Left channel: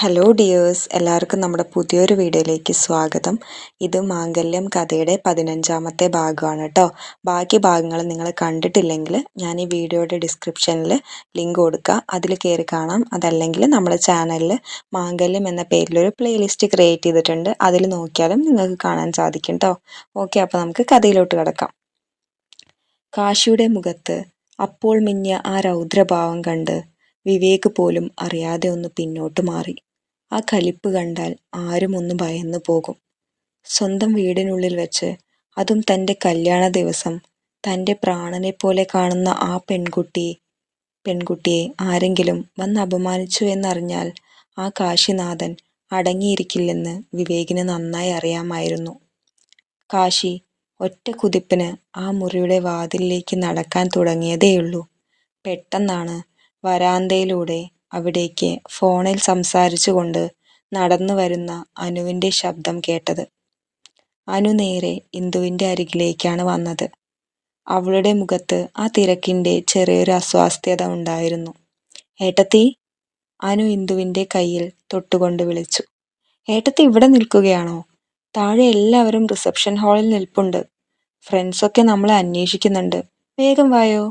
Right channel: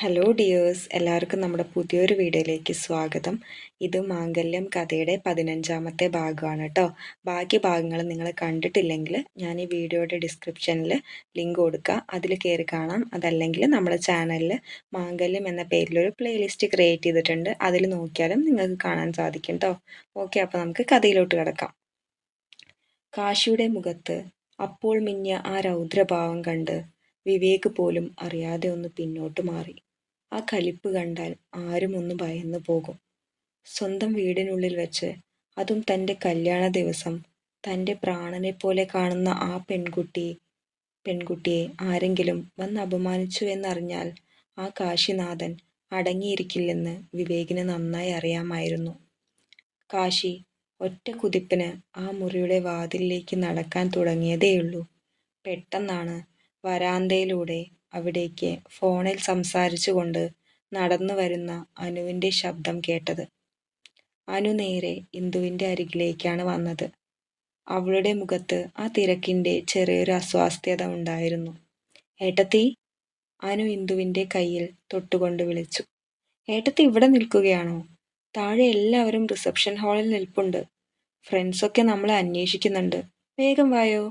Hello dears, എല്ലാവർക്കും നമ്മുടെ പുതിയൊരു വീഡിയോയിലേക്ക് സ്വാഗതം. ഇത് മാംഗല്യം കഥയുടെ 15ാമത്തെ ഭാഗമാണ് കേട്ടോ. ബാക്കി ഭാഗങ്ങൾ നിങ്ങൾ കണ്ടിട്ടില്ലെങ്കിൽ ഞാൻ ഈ വീഡിയോയുടെ ഡിസ്ക്രിപ്ഷനിൽ ലിങ്ക് കൊടുക്കുക, അതിൽ കയറി കാണാം. അതല്ലെങ്കിൽ നമ്മുടെ ചാനലിൽ മാംഗല്യം എന്ന പേരിലൊരു പ്ലേലിസ്റ്റ് ക്രിയേറ്റ് ചെയ്തിട്ടുണ്ട്, അതിൽ നോക്കിയാലും നിങ്ങൾക്ക് കാണാൻ സാധിക്കും കേട്ടോ. ഓക്കെ, അപ്പോൾ നമുക്ക് കഥയിലോട്ട് കിടക്കാം. കാശിയുടെ മുഖത്ത് അപ്പോൾ മിന്നിയ ആ രൗദ്രഭാവം കണ്ട് വിവേക് പോലും അറിയാതെ ഒന്ന് പിന്നോട്ട് മാറി. ആ കലിപ്പ് കണ്ടാൽ ആരും ഒന്ന് ഭയന്നു പോകും. സ്വന്തം വീടിനുള്ളിൽ വെച്ച്, അതും തൻ്റെ കല്യാണ ദിവസം, തൻ്റെ പ്രാണനെ പോലെ കാണുന്ന ആ പെൺകുട്ടിയെ ആരെങ്കിലും വന്ന് അപമാനിച്ചു എന്നറിഞ്ഞാൽ ആ കാശിനാഥൻ അടങ്ങിയിരിക്കില്ലെന്ന് വിവേകിന് നന്നായി അറിയാമായിരുന്നു. കാശി ഒറ്റ കുതിപ്പിന് ആ മുറിയുടെ വാതിലിലേക്ക് നടക്കാൻ തുടങ്ങിയതേയുള്ളൂ. പെട്ടെന്നാണ് വരാന്തയിലൂടെ അവിടേക്ക് ഫോണിൽ സംസാരിച്ചുകൊണ്ട് നടന്നു വരുന്ന അനുവിൻ്റെ ശബ്ദം കേട്ടത്. അനു നേരെ ഇന്ദുവിൻ്റെ അരികിലേക്കാണ് വന്നത്. അവളുടെ മുഖത്ത് ആ തിരക്കിൻ്റെ ചെറിയൊരു അസ്വാസ്ഥ്യത ഉണ്ടായിരുന്നു. ഏട്ടത്തി, അനു ഇന്ദുവിൻ്റെ കയ്യിൽ തൊട്ടുകൊണ്ട് വിളിച്ചു. ഏട്ടത്തി ഇവിടെ നിൽക്കുകയാണോ? താഴെ എല്ലാവരും റിസപ്ഷൻ ഹാളിൽ നിൽപ്പുണ്ട്. ഫ്രണ്ട്സൊക്കെ നമ്മളെ അന്വേഷിക്കുന്നുണ്ട്. വേഗം വായോ.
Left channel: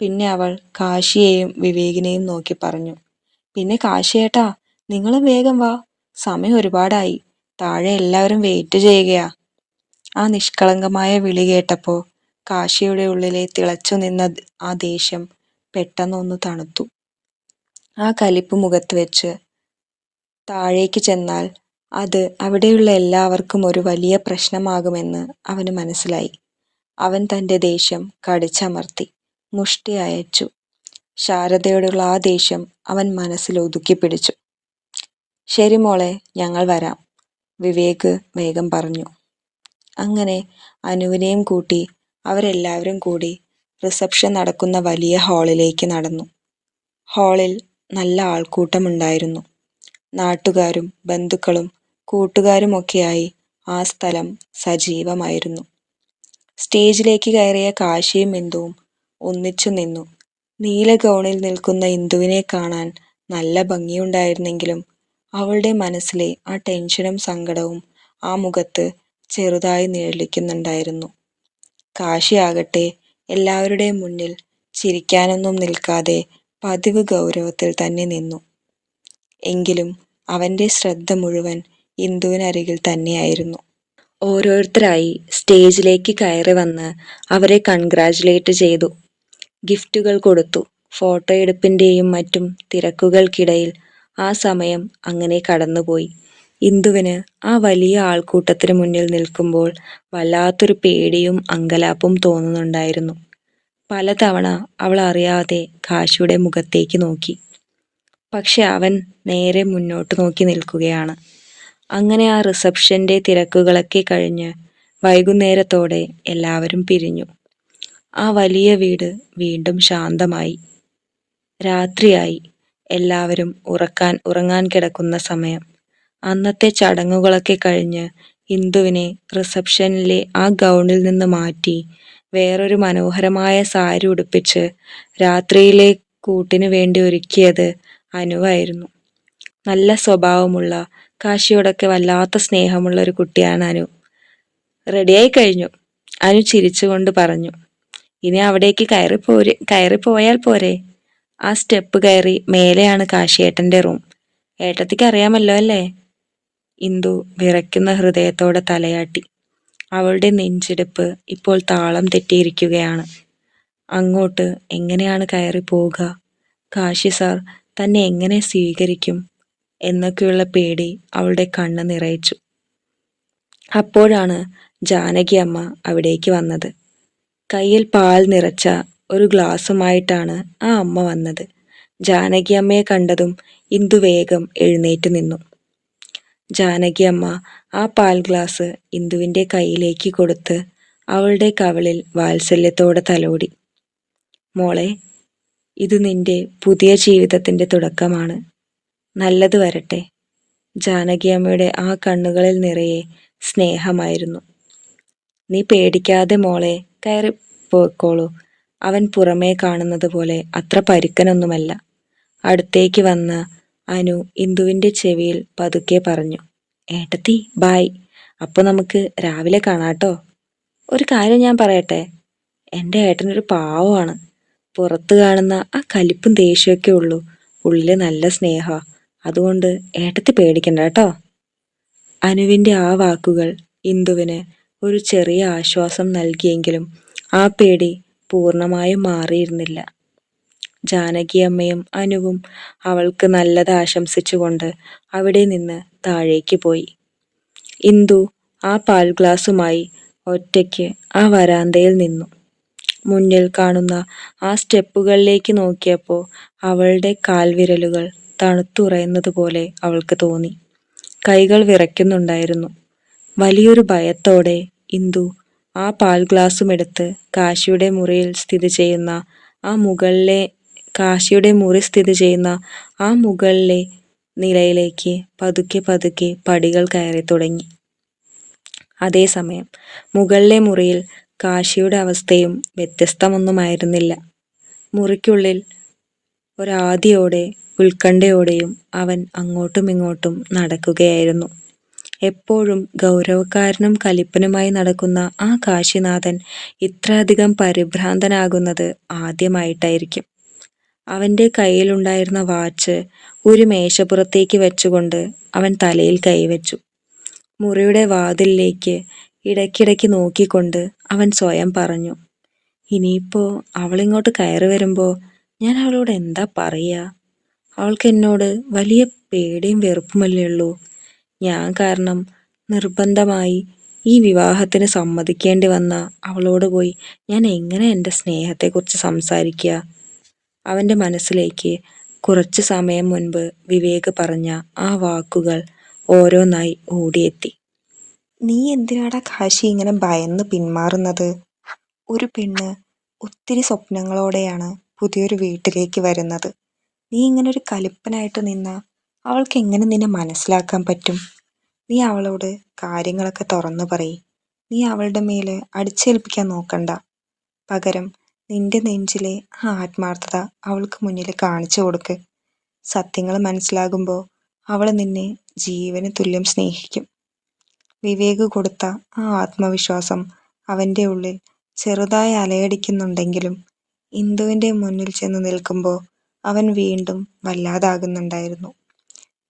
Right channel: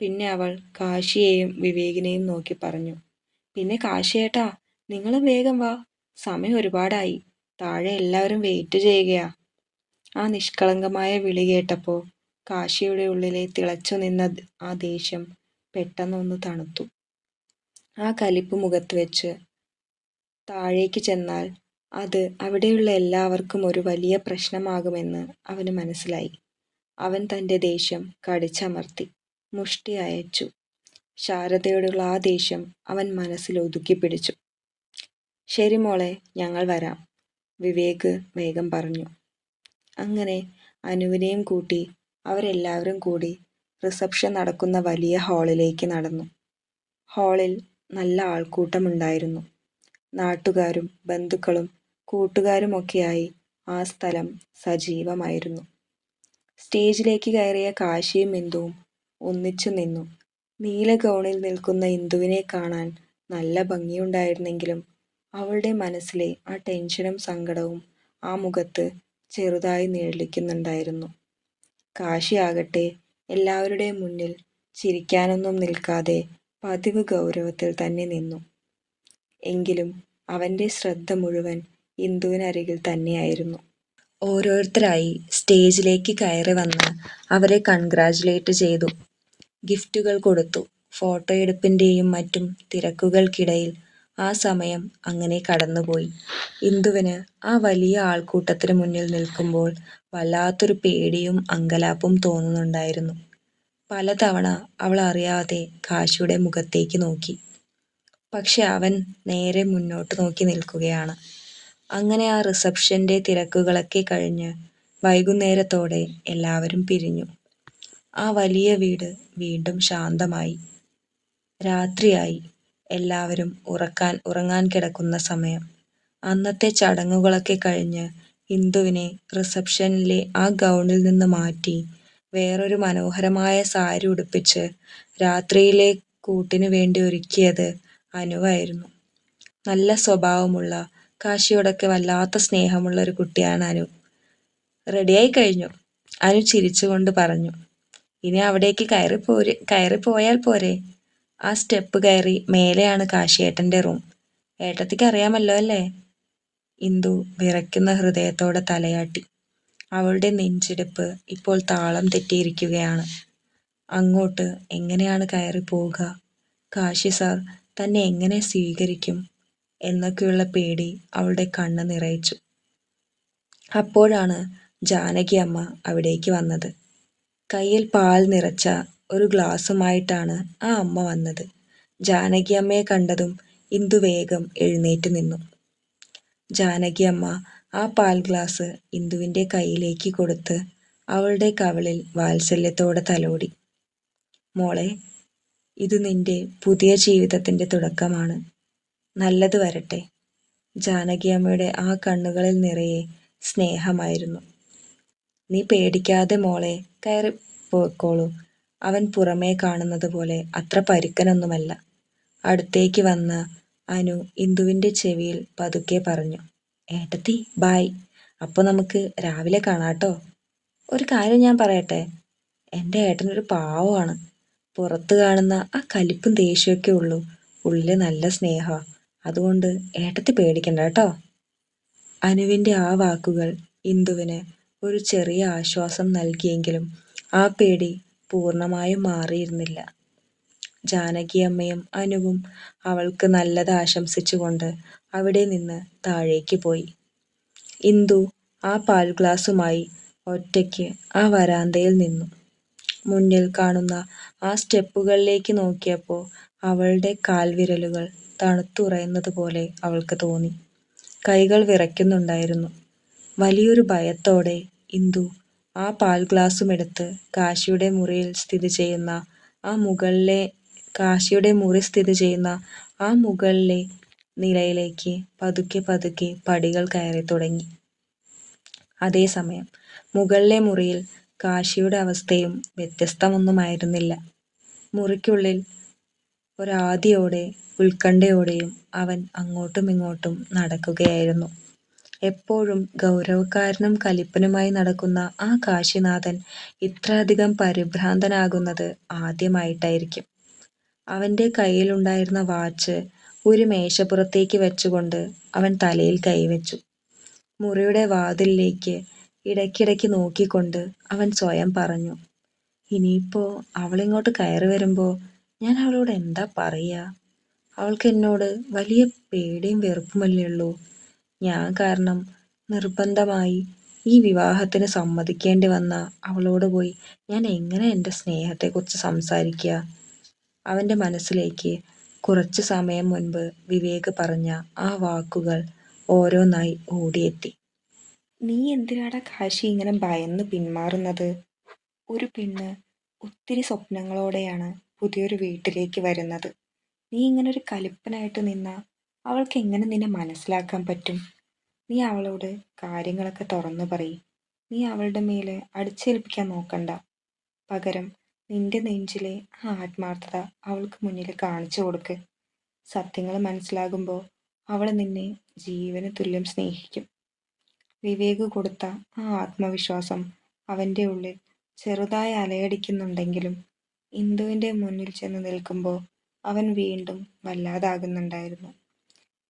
പിന്നെ അവൾ കാശിയെയും വിവേകിനെയും നോക്കി പറഞ്ഞു. പിന്നെ കാശിയേട്ടാ, നിങ്ങളും വേഗം വാ, സമയം ഒരുപാടായി. താഴെ എല്ലാവരും വെയിറ്റ് ചെയ്യുകയാ. ആ നിഷ്കളങ്കമായ വിളി കേട്ടപ്പോൾ കാശിയുടെ ഉള്ളിലെ തിളച്ചു നിന്ന ആ ദേഷ്യം പെട്ടെന്നൊന്ന് തണുത്തു. ആ കലിപ്പ് മുഖത്ത് വെച്ച് താഴേക്ക് ചെന്നാൽ അത് അവിടെയുള്ള എല്ലാവർക്കും ഒരു വലിയ പ്രശ്നമാകുമെന്ന് അവന് മനസ്സിലായി. അവൻ തൻ്റെ ദേഷ്യം കടിച്ചമർത്തി മുഷ്ടി അയച്ചു. ശാരദയോടുള്ള ആ ദേഷ്യം അവൻ മനസ്സിൽ ഒതുക്കി പിടിച്ചു. ശരി മോളെ, ഞങ്ങൾ വരാം, വിവേക് വേഗം പറഞ്ഞു. അങ്ങനെ അനുവിനെയും കൂട്ടി അവരെല്ലാവരും കൂടി റിസപ്ഷൻ നടക്കുന്ന വലിയ ഹാളിലേക്ക് നടന്നു. ഹാളിൽ നല്ല ആൾക്കൂട്ടമുണ്ടായിരുന്നു. നാട്ടുകാരും ബന്ധുക്കളും കൂട്ടുകാരുമൊക്കെയായി ആ സ്ഥലം സജീവമായിരുന്നു. സ്റ്റേജിലേക്ക് കയറിയ കാശിയും ഇന്ദുവും ഒന്നിച്ചു നിന്നു. നീല ഗൗണിൽ നിൽക്കുന്ന ഇന്ദുവിനെ കാണാൻ നല്ല ഭംഗിയുണ്ടായിരുന്നെങ്കിലും അവളുടെ മനസ്സിലെ ആ ടെൻഷനും സങ്കടവും ആ മുഖത്ത് ചെറുതായി നിഴലിക്കുന്നുണ്ടായിരുന്നു. കാശിയാകട്ടെ എല്ലാവരുടെയും മുന്നിൽ ചിരിക്കാനൊന്നും നിൽക്കാതെ പതിവ് ഗൗരവത്തിൽ തന്നെ നിന്നു. എങ്കിലും അവൻ്റെ ശ്രദ്ധ മുഴുവൻ ഇന്ദുവിനരികിൽ തന്നെയായിരുന്നു. ഓരോരുത്തരായി സ്റ്റേജിലേക്ക് കയറി വന്ന് അവരെ കൺഗ്രാജുലേറ്റ് ചെയ്തു. ഗിഫ്റ്റുകൾ കൊടുത്തു. ഫോട്ടോയെടുപ്പിൻ്റെയും മറ്റും തിരക്കുകൾക്കിടയിൽ ആ സമയം അങ്ങനെ കടന്നുപോയി. ഇന്ദുവിന് ആ വലിയ ആൾക്കൂട്ടത്തിന് മുന്നിൽ നിൽക്കുമ്പോൾ വല്ലാത്തൊരു പേടിയും അങ്കലാപ്പും തോന്നുന്നുണ്ടായിരുന്നു. പലതവണ അവൾ അറിയാതെ കാശിയുടെ മുഖത്തേക്ക് നോക്കി. പക്ഷെ അവൻ നേരെ മുന്നോട്ട് നോക്കി നിൽക്കുകയാണ്. അങ്ങനെ ആ റിസപ്ഷൻ്റെ തിരക്കുകളൊക്കെ കഴിഞ്ഞ് വൈകുന്നേരത്തോടെ എല്ലാവരും പിരിഞ്ഞു. ആ വലിയ വീട് വീണ്ടും ശാന്തമായി. രാത്രിയായി. എല്ലാവരും ഉറങ്ങാൻ കിടക്കുന്ന സമയം. അന്നത്തെ ചടങ്ങുകളൊക്കെ കഴിഞ്ഞ് ഇന്ദുവിനെ റിസപ്ഷനിലെ ആ ഗൗണിൽ നിന്ന് മാറ്റി വേറൊരു മനോഹരമായ സാരി ഉടുപ്പിച്ച് രാത്രിയിലെ കൂട്ടിന് വേണ്ടി ഒരുക്കിയത് അനുവായിരുന്നു. നല്ല സ്വഭാവമുള്ള, കാശിയോടൊക്കെ വല്ലാത്ത സ്നേഹമുള്ള ഒരു കുട്ടിയാണ് അനു. റെഡിയായി കഴിഞ്ഞു, അനു ചിരിച്ചുകൊണ്ട് പറഞ്ഞു. ഇനി അവിടേക്ക് കയറിപ്പോയാൽ പോരെ? ആ സ്റ്റെപ്പ് കയറി മേലെയാണ് കാശിയേട്ടൻ്റെ റൂം. ഏട്ടത്തിക്ക് അറിയാമല്ലോ അല്ലേ? ഇന്ദു വിറയ്ക്കുന്ന ഹൃദയത്തോടെ തലയാട്ടി. അവളുടെ നെഞ്ചിടിപ്പ് ഇപ്പോൾ താളം തെറ്റിയിരിക്കുകയാണ്. അങ്ങോട്ട് എങ്ങനെയാണ് കയറി പോവുക? കാശി സാർ തന്നെ എങ്ങനെ സ്വീകരിക്കും എന്നൊക്കെയുള്ള പേടി അവളുടെ കണ്ണ് നിറയിച്ചു. അപ്പോഴാണ് ജാനകി അമ്മ അവിടേക്ക് വന്നത്. കയ്യിൽ പാൽ നിറച്ച ഒരു ഗ്ലാസുമായിട്ടാണ് ആ അമ്മ വന്നത്. ജാനകി അമ്മയെ കണ്ടതും ഇന്ദു വേഗം എഴുന്നേറ്റ് നിന്നു. ജാനകി അമ്മ ആ പാൽ ഗ്ലാസ് ഇന്ദുവിൻ്റെ കയ്യിലേക്ക് കൊടുത്ത് അവളുടെ കവിളിൽ വാത്സല്യത്തോടെ തലോടി. മോളെ, ഇത് നിന്റെ പുതിയ ജീവിതത്തിൻ്റെ തുടക്കമാണ്. നല്ലത് വരട്ടെ. ജാനകി അമ്മയുടെ ആ കണ്ണുകളിൽ നിറയെ സ്നേഹമായിരുന്നു. നീ പേടിക്കാതെ മോളെ, കയറി പോയിക്കോളൂ. അവൻ പുറമേ കാണുന്നത് പോലെ അത്ര പരുക്കനൊന്നുമല്ല. അടുത്തേക്ക് വന്ന് അനു ഇന്ദുവിൻ്റെ ചെവിയിൽ പതുക്കെ പറഞ്ഞു. ഏട്ടത്തി ബായ്, അപ്പോൾ നമുക്ക് രാവിലെ കാണാട്ടോ. ഒരു കാര്യം ഞാൻ പറയട്ടെ, എൻ്റെ ഏട്ടനൊരു പാവമാണ്. പുറത്ത് കാണുന്ന ആ കലിപ്പും ദേഷ്യമൊക്കെ ഉള്ളൂ, ഉള്ളിൽ നല്ല സ്നേഹമാണ്. അതുകൊണ്ട് ഏട്ടത്തി പേടിക്കണ്ട കേട്ടോ. അനുവിൻ്റെ ആ വാക്കുകൾ ഇന്ദുവിന് ഒരു ചെറിയ ആശ്വാസം നൽകിയെങ്കിലും ആ പേടി പൂർണ്ണമായും മാറിയിരുന്നില്ല. ജാനകിയമ്മയും അനുവും അവൾക്ക് നല്ലത് ആശംസിച്ചുകൊണ്ട് അവിടെ നിന്ന് താഴേക്ക് പോയി. ഇന്ദു ആ പാൽ ഗ്ലാസുമായി ഒറ്റയ്ക്ക് ആ വരാന്തയിൽ നിന്നു. മുന്നിൽ കാണുന്ന ആ സ്റ്റെപ്പുകളിലേക്ക് നോക്കിയപ്പോൾ അവളുടെ കാൽവിരലുകൾ തണുത്തുറയുന്നത് പോലെ അവൾക്ക് തോന്നി. കൈകൾ വിറയ്ക്കുന്നുണ്ടായിരുന്നു. വലിയൊരു ഭയത്തോടെ ഇന്ദു ആ പാൽ ഗ്ലാസുമെടുത്ത് കാശിയുടെ മുറി സ്ഥിതി ചെയ്യുന്ന ആ മുകളിലെ നിലയിലേക്ക് പതുക്കെ പതുക്കെ പടികൾ കയറി തുടങ്ങി. അതേസമയം മുകളിലെ മുറിയിൽ കാശിയുടെ അവസ്ഥയും വ്യത്യസ്തമൊന്നുമായിരുന്നില്ല. മുറിക്കുള്ളിൽ ഒരാദിയോടെ ഉത്കണ്ഠയോടെയും അവൻ അങ്ങോട്ടും ഇങ്ങോട്ടും നടക്കുകയായിരുന്നു. എപ്പോഴും ഗൗരവക്കാരനും കലിപ്പനുമായി നടക്കുന്ന ആ കാശിനാഥൻ ഇത്രയധികം പരിഭ്രാന്തനാകുന്നത് ആദ്യമായിട്ടായിരിക്കും. അവൻ്റെ കയ്യിലുണ്ടായിരുന്ന വാച്ച് ഒരു മേശപ്പുറത്തേക്ക് വെച്ചുകൊണ്ട് അവൻ തലയിൽ കൈവച്ചു. മുറിയുടെ വാതിലിലേക്ക് ഇടയ്ക്കിടയ്ക്ക് നോക്കിക്കൊണ്ട് അവൻ സ്വയം പറഞ്ഞു, ഇനിയിപ്പോൾ അവളിങ്ങോട്ട് കയറി വരുമ്പോൾ ഞാൻ അവളോട് എന്താ പറയുക? അവൾക്ക് എന്നോട് വലിയ പേടിയും വെറുപ്പുമല്ലേ ഉള്ളൂ. ഞാൻ കാരണം നിർബന്ധമായി ഈ വിവാഹത്തിന് സമ്മതിക്കേണ്ടി വന്ന അവളോട് പോയി ഞാൻ എങ്ങനെ എൻ്റെ സ്നേഹത്തെക്കുറിച്ച് സംസാരിക്കുക? അവൻ്റെ മനസ്സിലേക്ക് കുറച്ച് സമയം മുൻപ് വിവേക് പറഞ്ഞ ആ വാക്കുകൾ ഓരോന്നായി ഓടിയെത്തി. നീ എന്തിനാടാ കാശി ഇങ്ങനെ ഭയന്ന് പിന്മാറുന്നത്? ഒരു പെണ്ണ് ഒത്തിരി സ്വപ്നങ്ങളോടെയാണ് പുതിയൊരു വീട്ടിലേക്ക് വരുന്നത്. നീ ഇങ്ങനെ ഒരു കലിപ്പനായിട്ട് നിന്ന അവൾക്ക് എങ്ങനെ നിന്നെ മനസ്സിലാക്കാൻ പറ്റും? നീ അവളോട് കാര്യങ്ങളൊക്കെ തുറന്നു പറയ്. നീ അവളുടെ മേല് അടിച്ചേൽപ്പിക്കാൻ നോക്കണ്ട. പകരം നിന്റെ നെഞ്ചിലെ ആ ആത്മാർത്ഥത അവൾക്ക് മുന്നിൽ കാണിച്ചു കൊടുക്ക്. സത്യങ്ങൾ മനസ്സിലാകുമ്പോൾ അവൾ നിന്നെ ജീവന് തുല്യം സ്നേഹിക്കും. വിവേക് കൊടുത്ത ആ ആത്മവിശ്വാസം അവൻ്റെ ഉള്ളിൽ ചെറുതായി അലയടിക്കുന്നുണ്ടെങ്കിലും ഇന്ദുവിൻ്റെ മുന്നിൽ ചെന്ന് നിൽക്കുമ്പോൾ അവൻ വീണ്ടും വല്ലാതാകുന്നുണ്ടായിരുന്നു.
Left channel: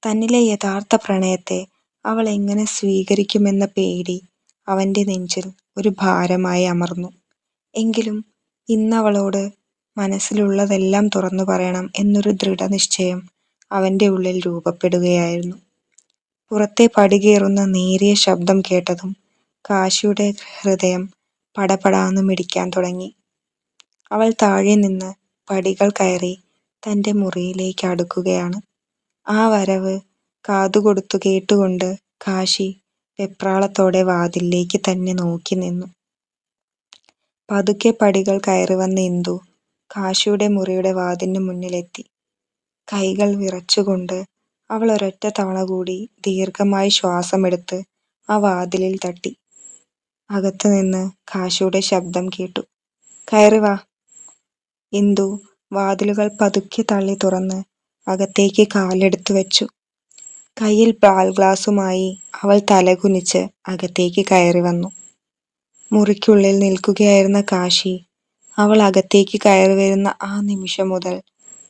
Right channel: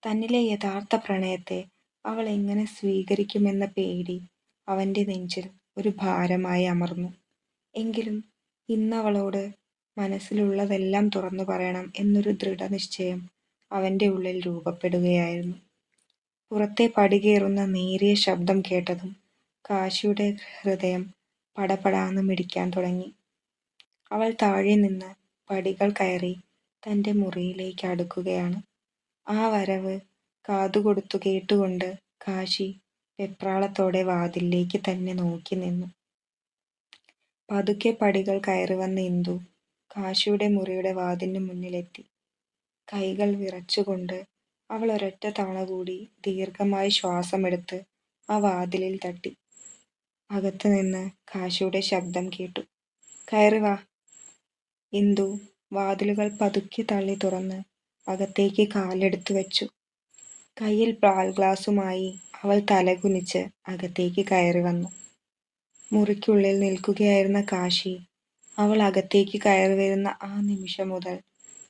തന്നിലെ യഥാർത്ഥ പ്രണയത്തെ അവൾ എങ്ങനെ സ്വീകരിക്കുമെന്ന പേടി അവൻ്റെ നെഞ്ചിൽ ഒരു ഭാരമായി അമർന്നു. എങ്കിലും ഇന്നവളോട് മനസ്സിലുള്ളതെല്ലാം തുറന്നു പറയണം എന്നൊരു ദൃഢനിശ്ചയം അവൻ്റെ ഉള്ളിൽ രൂപപ്പെടുകയായിരുന്നു. പുറത്തെ പടികേറുന്ന നേരിയ ശബ്ദം കേട്ടതും കാശിയുടെ ഹൃദയം പടപടാന്ന് മിടിക്കാൻ തുടങ്ങി. അവൾ താഴെ നിന്ന് പടികൾ കയറി തൻ്റെ മുറിയിലേക്ക് അടുക്കുകയാണ്. ആ വരവ് കാതുകൊടുത്തു കേട്ടുകൊണ്ട് കാശി വെപ്രാളത്തോടെ വാതിലിലേക്ക് തന്നെ നോക്കി നിന്നു. പതുക്കെ പടികൾ കയറി വന്ന ഇന്ദു കാശിയുടെ മുറിയുടെ വാതിലിന് മുന്നിലെത്തി. കൈകൾ വിറച്ചുകൊണ്ട് അവൾ ഒരൊറ്റ തവണ കൂടി ദീർഘമായി ശ്വാസമെടുത്ത് ആ വാതിലിൽ തട്ടി. അകത്തു നിന്ന് കാശിയുടെ ശബ്ദം കേട്ടു. കയറി വാ. ഇന്ദു വാതിലുകൾ പതുക്കെ തള്ളി തുറന്ന് അകത്തേക്ക് കാലെടുത്തു വെച്ചു. കയ്യിൽ പാൽ ഗ്ലാസുമായി അവൾ തലകുനിച്ച് അകത്തേക്ക് കയറി വന്നു. മുറിക്കുള്ളിൽ നിൽക്കുകയായിരുന്ന കാശി അവൾ അകത്തേക്ക് കയറി വരുന്ന ആ നിമിഷം മുതൽ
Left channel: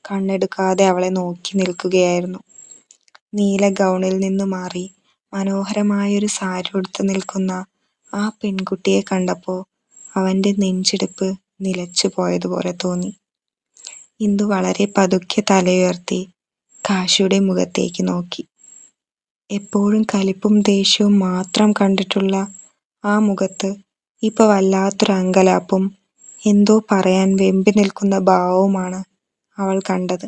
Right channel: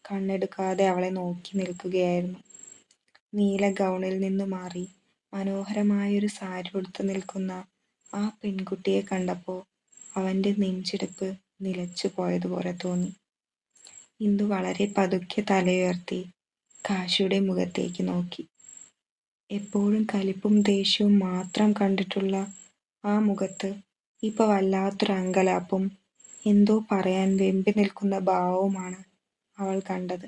കണ്ണെടുക്കാതെ അവളെ നോക്കി നിൽക്കുകയായിരുന്നു. നീല ഗൗണിൽ നിന്ന് മാറി മനോഹരമായൊരു സാരി ഉടുത്ത് നിൽക്കുന്ന ആ പെൺകുട്ടിയെ കണ്ടപ്പോൾ അവൻ്റെ നെഞ്ചിടിപ്പ് നിലച്ചു പോയതുപോലെ തോന്നി. ഇന്ദു വളരെ പതുക്കെ തലയുയർത്തി കാശിയുടെ മുഖത്തേക്ക് നോക്കി. എപ്പോഴും കലിപ്പും ദേഷ്യവും മാത്രം കണ്ടിട്ടുള്ള ആ മുഖത്ത് ഇപ്പോൾ വല്ലാത്തൊരു അങ്കലാപ്പും എന്തോ പറയാൻ വെമ്പി നിൽക്കുന്ന ഭാവവുമാണ് അവൾ കണ്ടത്.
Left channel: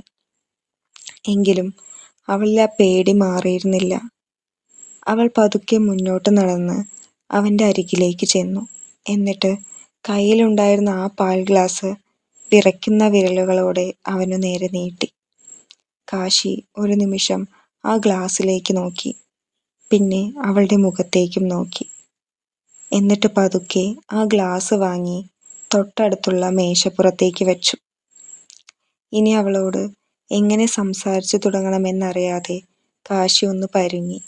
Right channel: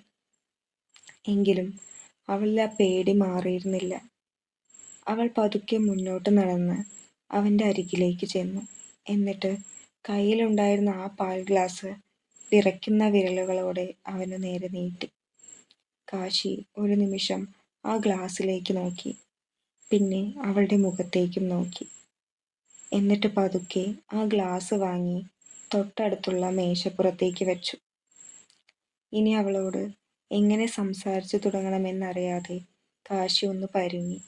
എങ്കിലും അവളിൽ ആ പേടി മാറിയിരുന്നില്ല. അവൾ പതുക്കെ മുന്നോട്ട് നടന്ന് അവൻ്റെ അരികിലേക്ക് ചെന്നു. എന്നിട്ട് കയ്യിലുണ്ടായിരുന്ന ആ പാൽ ഗ്ലാസ് വിറയ്ക്കുന്ന വിരലുകളോടെ അവനു നേരെ നീട്ടി. കാശി ഒരു നിമിഷം ആ ഗ്ലാസ്സിലേക്ക് നോക്കി. പിന്നെ അവളുടെ മുഖത്തേക്കും നോക്കി. എന്നിട്ട് പതുക്കെ ആ ഗ്ലാസ് വാങ്ങി തൊട്ടടുത്തുള്ള മേശപ്പുറത്തേക്ക് വെച്ചു. ഇനി അവളോട് എങ്ങനെ സംസാരിച്ചു തുടങ്ങണമെന്നറിയാതെ കാശി ഒന്ന് പരുങ്ങി.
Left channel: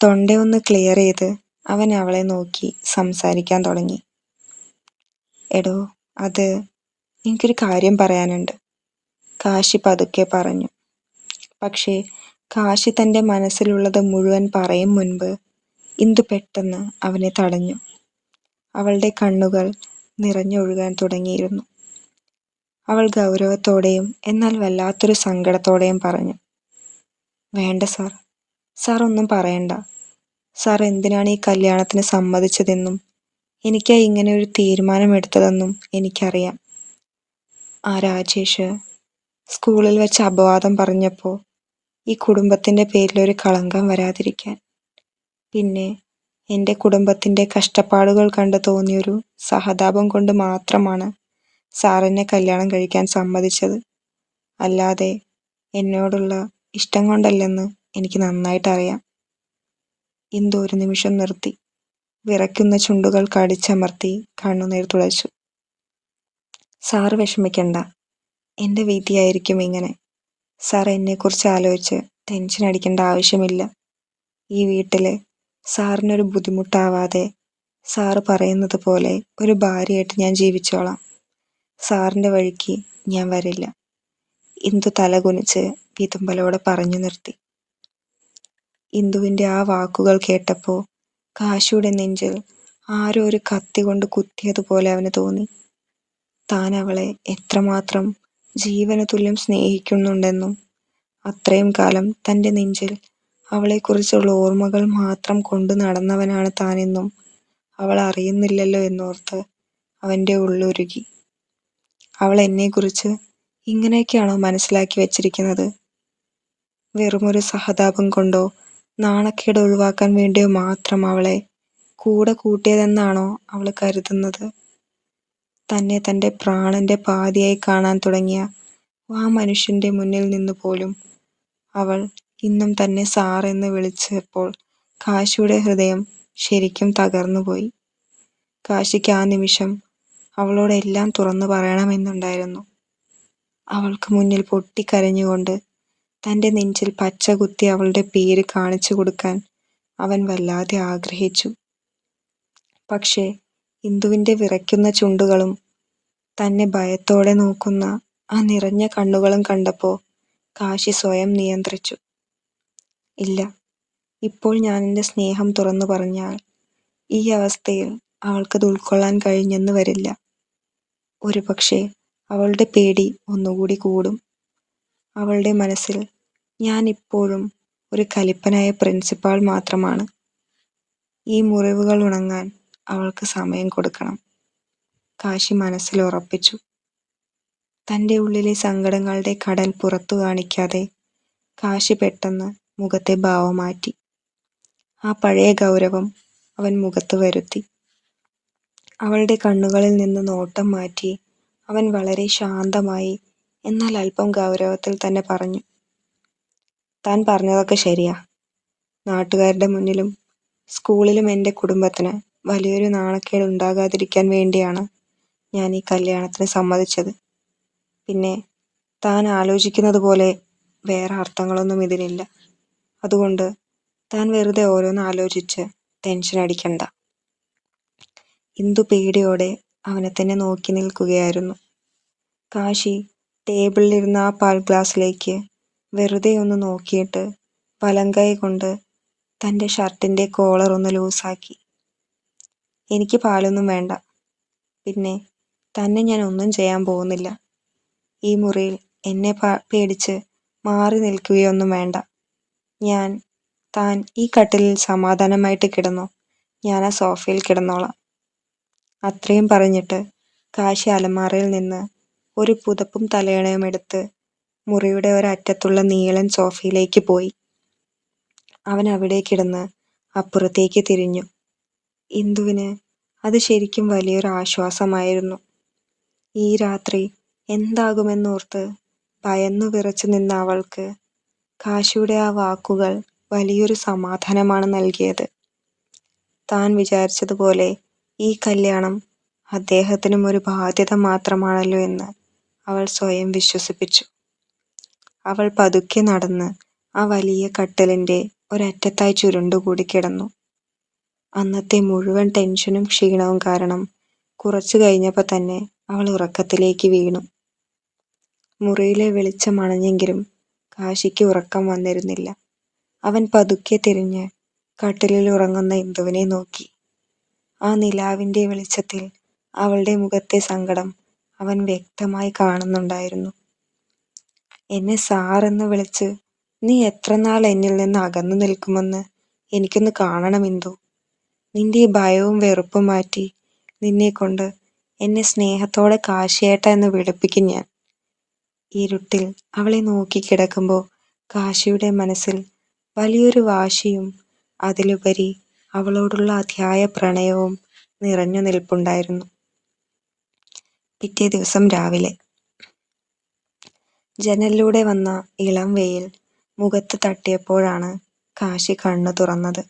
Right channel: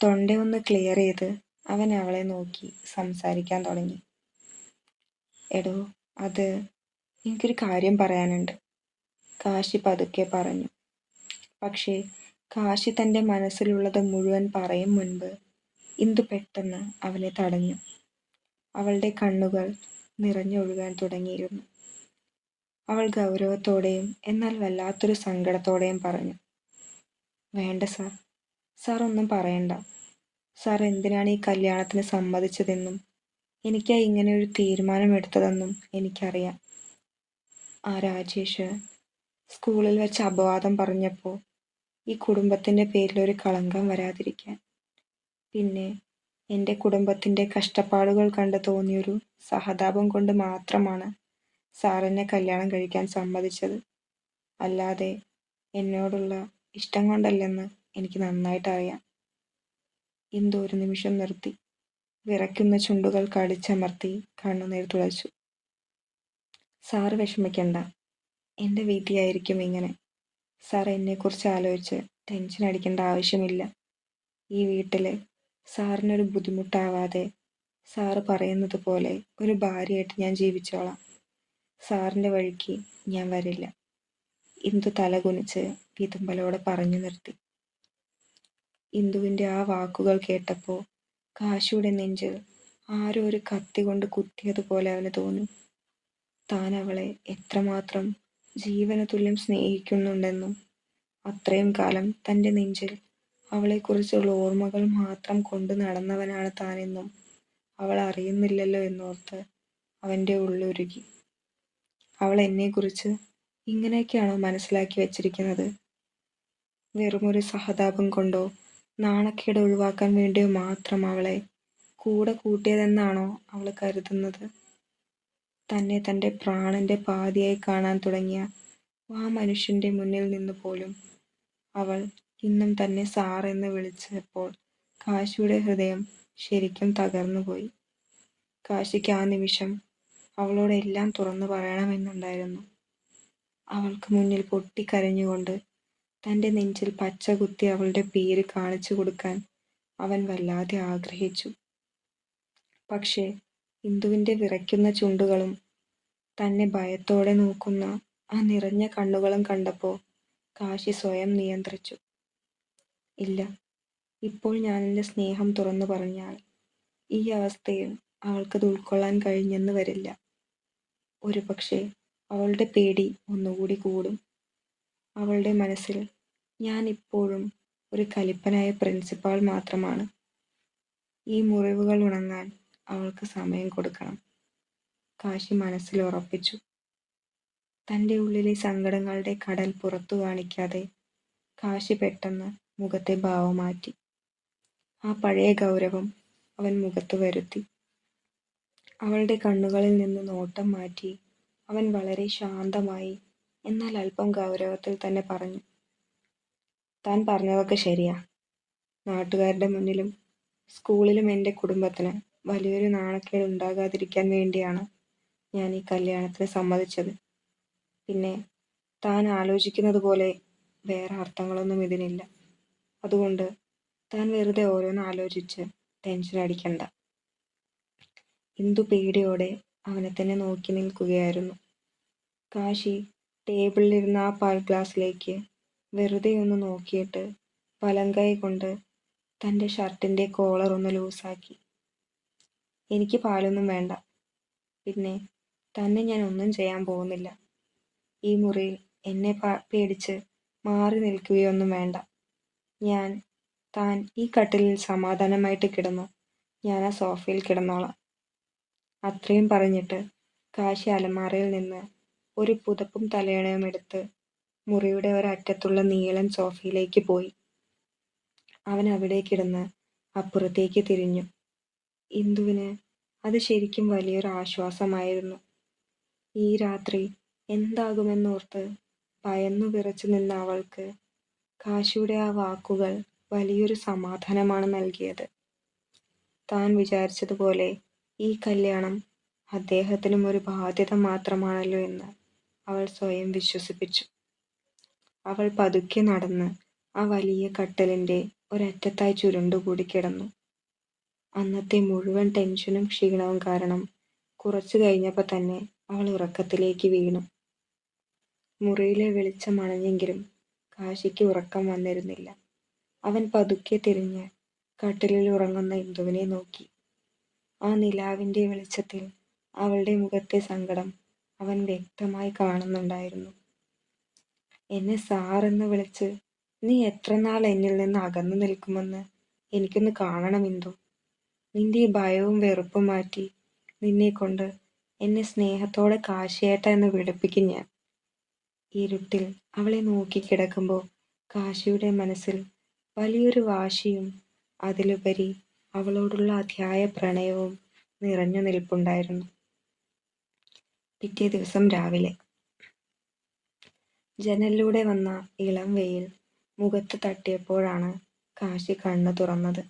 തൊണ്ടയൊന്ന് ക്ലിയർ ചെയ്ത് അവൻ അവളെ നോക്കി സംസാരിക്കാൻ തുടങ്ങി. എടോ, അത് എനിക്കൊരു കാര്യം പറയാനുണ്ട്, കാശി പതുക്കെ പറഞ്ഞു. പക്ഷേ കാശി തൻ്റെ മനസ്സിലുള്ളത് മുഴുവൻ പറയും മുൻപ് ഇന്ദു പെട്ടെന്ന് അവനെ തടഞ്ഞു. അവളുടെ കണ്ണുകൾ നിറഞ്ഞൊഴുകാൻ തുടങ്ങിയിരുന്നു. അവൾ ഗൗരവത്തോടെയും എന്നാൽ വല്ലാത്തൊരു സങ്കടത്തോടെയും പറഞ്ഞു, വേണ്ട സാർ, സാർ ഒന്നും പറയണ്ട. സാർ എന്തിനാണ് ഈ കല്യാണത്തിന് സമ്മതിച്ചതെന്നും എനിക്കാ ഇങ്ങനെ ഒരു തീരുമാനമെടുത്തതെന്നും എനിക്കറിയാം. ആ രാജേഷ് സ്കൂളിൽ വെച്ച് അപവാദം പറഞ്ഞപ്പോൾ ഈ കുടുംബത്തിൻ്റെ പേരിലൊരു കളങ്കം വരാതിരിക്കാൻ, പിന്നെ എൻ്റെ കുടുംബത്തിൻ്റെ കഷ്ടപ്പാടുകൾ കണ്ട് തോന്നിയൊരു സഹതാപം കൊണ്ട് മാത്രമാണ് സാറിനെ കല്യാണം കഴിക്കാൻ സമ്മതിച്ചത്. അല്ലാതെ എന്നോടുള്ള ഇഷ്ടം കൊണ്ടല്ലെന്ന് എനിക്ക് നന്നായിട്ടറിയാം. ഇന്ദു ഒരു നിമിഷം നിർത്തി. വിറയ്ക്കുന്ന ചുണ്ടുകൾ കടിച്ചമർത്തി കണ്ണുനീർ തുളച്ചു. സാറ് വിഷമിക്കണ്ട, എൻ്റെ വിധിയായിരിക്കും ഇങ്ങനെ. സാർ എന്നെക്കുറിച്ച് ആലോചിച്ച് ടെൻഷൻ അടിക്കേണ്ട ആവശ്യമില്ല. ഈ വീട്ടിൽ സാറിനൊരു ബുദ്ധിമുട്ടാവാതെ സാറ് പറയുന്നത് പോലെ ഒരു ഭാര്യയായിട്ട് ഞാൻ ജീവിച്ചോളാം. സാറിൻ്റെ വഴിക്ക് ഞാൻ വരില്ല. ഇന്ദു തലകുനിച്ച് വിതുമ്പലോടെ പറഞ്ഞു നിർത്തി. ഇന്ദുവിൻ്റെ ആ വാക്കുകൾ കേട്ടപ്പോൾ കാശിയുടെ നെഞ്ചിൽ ആരോ ഒരു കത്തി കൊണ്ട് കുത്തിയതുപോലെ അവന് തോന്നി. താൻ അവളെ എത്രമാത്രം ജീവന് തുല്യം സ്നേഹിക്കുന്നുണ്ടെന്നും അത്രയും കാലം തൻ്റെ നെഞ്ചിൽ അവളെക്കുറിച്ചുള്ള ഓർമ്മകൾ മാത്രം കൊണ്ടു നടന്നവനാണ് താനെന്നും അവൾ അറിയുന്നില്ലല്ലോ എന്നോർത്ത് അവൻ്റെ ഉള്ളുരുകി. അവൾ എന്നെക്കുറിച്ച് ഇങ്ങനെയൊക്കെയാണോ മനസ്സിലാക്കി വച്ചിരിക്കുന്നത്? വെറുമൊരു സഹതാപം കൊണ്ടോ നാണക്കേട് ഒഴിവാക്കാൻ വേണ്ടിയോ മാത്രം അവളെ കൂടെ കൂട്ടിയതെന്നാണോ അവൾ കരുതുന്നത്? തന്നെ തൻ്റെ പ്രാണന്റെ പാതിയായി കാണാൻ തുടങ്ങിയ ആ മനുഷ്യൻ്റെ മുന്നിൽ നിന്ന് പോലും അവൾ ഇന്നും തന്നെ സാറെന്ന് വിളിച്ചപ്പോൾ കാശിയുടെ ഹൃദയം ശരിക്കും തകർന്നുപോയി. കാശിക്ക് ആ നിമിഷം അവളോട് എല്ലാം തുറന്നു പറയണമെന്നുണ്ടായിരുന്നു. അവൾക്ക് മുന്നിൽ പൊട്ടിക്കരഞ്ഞുകൊണ്ട് തൻ്റെ നെഞ്ചിൽ പച്ച കുത്തി അവളുടെ പേര് കാണിച്ചു കൊടുക്കാൻ അവൻ വല്ലാതെ ആഗ്രഹിച്ചു. പക്ഷേ ഇന്ദുവിൻ്റെ വിറയ്ക്കുന്ന ചുണ്ടുകളും തന്നെ ഭയത്തോടെ നോക്കുന്ന ആ നിറഞ്ഞ കണ്ണുകളും കണ്ടപ്പോൾ കാശി സ്വയം നിയന്ത്രിച്ചു. ഇല്ല, ഇപ്പോൾ ഞാൻ എൻ്റെ സ്നേഹം തുറന്നു പറഞ്ഞാൽ ഈ അവസ്ഥയിൽ അവൾക്കത് ഉൾക്കൊള്ളാൻ കഴിഞ്ഞെന്ന് വരില്ല. ഒരുപക്ഷെ അവളുടെ പേടി ഒന്നുകൂടി കൂടും. അവളുടെ മനസ്സിൽ ഞാൻ ഇപ്പോഴും ഒരു കലിപ്പനായ പ്രിൻസിപ്പാൾ മാത്രമാണ്. ഈ മുറിവുകൾ ഉണങ്ങാൻ അവൾക്ക് സമയം കൊടുക്കണം, കാശി മനസ്സിൽ ഉറപ്പിച്ചു. തൻ്റെ ഉള്ളിലെ സങ്കടങ്ങളുടെ കടൽ പുറത്തു കാണിക്കാതെ കാശി പെട്ടെന്ന് മുഖത്തെ ഭാവം മാറ്റി. ആ പഴയ ഗൗരവം അവൻ മുഖത്ത് വരുത്തി. അവളുടെ കണ്ണുകളിൽ നിന്ന് നോട്ടം മാറ്റി അവൻ വളരെ ശാന്തമായി എന്നാൽ അല്പം ഗൗരവത്തിൽ തന്നെ പറഞ്ഞു, താൻ പറഞ്ഞതൊക്കെ ശരിയാ. നാട്ടുകാരുടെ മുന്നിലും സ്കൂളിലും എൻ്റെ കുടുംബത്തിന് വലിയൊരു നാണക്കേട് ഉണ്ടാകാതിരിക്കാൻ വേണ്ടിയാണ് ഞാൻ ഈ കല്യാണത്തിന് സമ്മതിച്ചത്. പിന്നെ താൻ ആലോചിക്കുന്നത് പോലെ വേറെ അർത്ഥങ്ങളൊന്നും ഇതിനില്ല. അതുകൊണ്ട് താൻ വെറുതെ ഓരോന്ന് ആലോചിച്ച് ടെൻഷൻ അടിക്കണ്ട. ഇന്ദു പേടിയോടെ അവനെ തന്നെ നോക്കി നിൽക്കുകയായിരുന്നു. കാശി ടേബിളിലിരുന്ന ആ പാൽ ഗ്ലാസ്സിലേക്ക് വെറുതെ ഒന്ന് നോക്കിയിട്ട് വലങ്കൈ കൊണ്ട് തൻ്റെ ഷർട്ടിൻ്റെ കോളർ ഒന്ന് ലൂസാക്കി. എനിക്ക് പാലൊന്നും വേണ്ട. പിന്നെ തന്നെ ഞാൻ ഒന്നും ചെയ്യാൻ പോകുന്നില്ല. ഈ മുറിയിൽ എന്നെ പേടിച്ച് മാറി നിൽക്കുകയൊന്നും വേണ്ട. താൻ ഈ കട്ടിലിൽ സമാധാനമായിട്ട് കിടന്നോ, ഞാൻ ആ സോഫയിൽ കിടന്നോളാം. അത്രയും പറഞ്ഞിട്ട് കാശി അലമാറയിൽ നിന്ന് ഒരു പുതപ്പും തലയണയും എടുത്ത് മുറിയുടെ ഒരറ്റത്തുള്ള നീളൻ സോഫയിലേക്ക് പോയി. അവൻ അവിടെ കിടന്ന് അപ്പുറത്തേക്ക് തിരിഞ്ഞു. ഇന്ദുവിന് അത് ശരിക്കും വലിയൊരു ആശ്വാസമായിരുന്നു. ഈ രാത്രി എന്താകുമെന്നോർത്ത് ഭയന്നു വിറച്ചു നിന്ന അവൾക്ക് കാശിയുടെ ആ വാക്കുകൾ വലിയൊരു സമാധാനമാണ് നൽകിയത്. താൻ വിചാരിച്ചതുപോലെ ഈ കല്യാണം അദ്ദേഹത്തിനും ഒരു ബാധ്യത മാത്രമാണല്ലോ എന്ന് അവൾ സ്വയം വിശ്വസിപ്പിച്ചു. അവൾ പതുക്കെ നടന്ന് ആ വലിയ കട്ടിലിൻ്റെ ഒരറ്റത്തായി ചുരുണ്ടുകൂടി കിടന്നു. അന്നത്തെ മുഴുവൻ ടെൻഷനും ക്ഷീണവും കാരണം കുറച്ചു കഴിഞ്ഞപ്പോൾ തന്നെ അവൾ ഉറക്കത്തിലേക്ക് വീണു. മുറിയിലെ വെളിച്ചം അണഞ്ഞെങ്കിലും കാശിക്ക് ഉറക്കം വന്നിരുന്നില്ല. അവൻ പതുക്കെ തിരിഞ്ഞ് കട്ടിലിൽ ഉറങ്ങുന്ന ഇന്ദുവിനെ നോക്കി. ആ നിലാവിൻ്റെ വെളിച്ചത്തിൽ അവളുടെ മുഖത്തെ സങ്കടം അവൻ വ്യക്തമായി കാണുന്നുണ്ടായിരുന്നു. എന്നെ സാറെന്ന് വിളിച്ച് നീ എത്ര നാൾ എന്നിൽ നിന്ന് അകന്നു നിൽക്കുമെന്ന് എനിക്കൊന്ന് കാണണം ഇന്ദു. നിന്റെ ഈ ഭയവും വെറുപ്പും മാറ്റി നിന്നെക്കൊണ്ട് എന്നെ സ്നേഹത്തോടെ കാശിയേട്ട എന്ന് വിളിപ്പിക്കും ഞാൻ. ഇരുട്ടിൽ അവളെ നോക്കി കിടക്കുമ്പോൾ കാശിയുടെ മനസ്സിൽ വലിയൊരു വാശിയും അതിലുപരി അവളോടുള്ള അതിയായ പ്രണയവും നിറഞ്ഞു നിൽപ്പുണ്ടായിരുന്നു. പിറ്റേ ദിവസം രാവിലെ ജനലിലൂടെ വന്ന ഇളം വെയിൽ മുഖത്ത് തട്ടിയപ്പോഴാണ് കാശി കണ്ണു തുറന്നത്.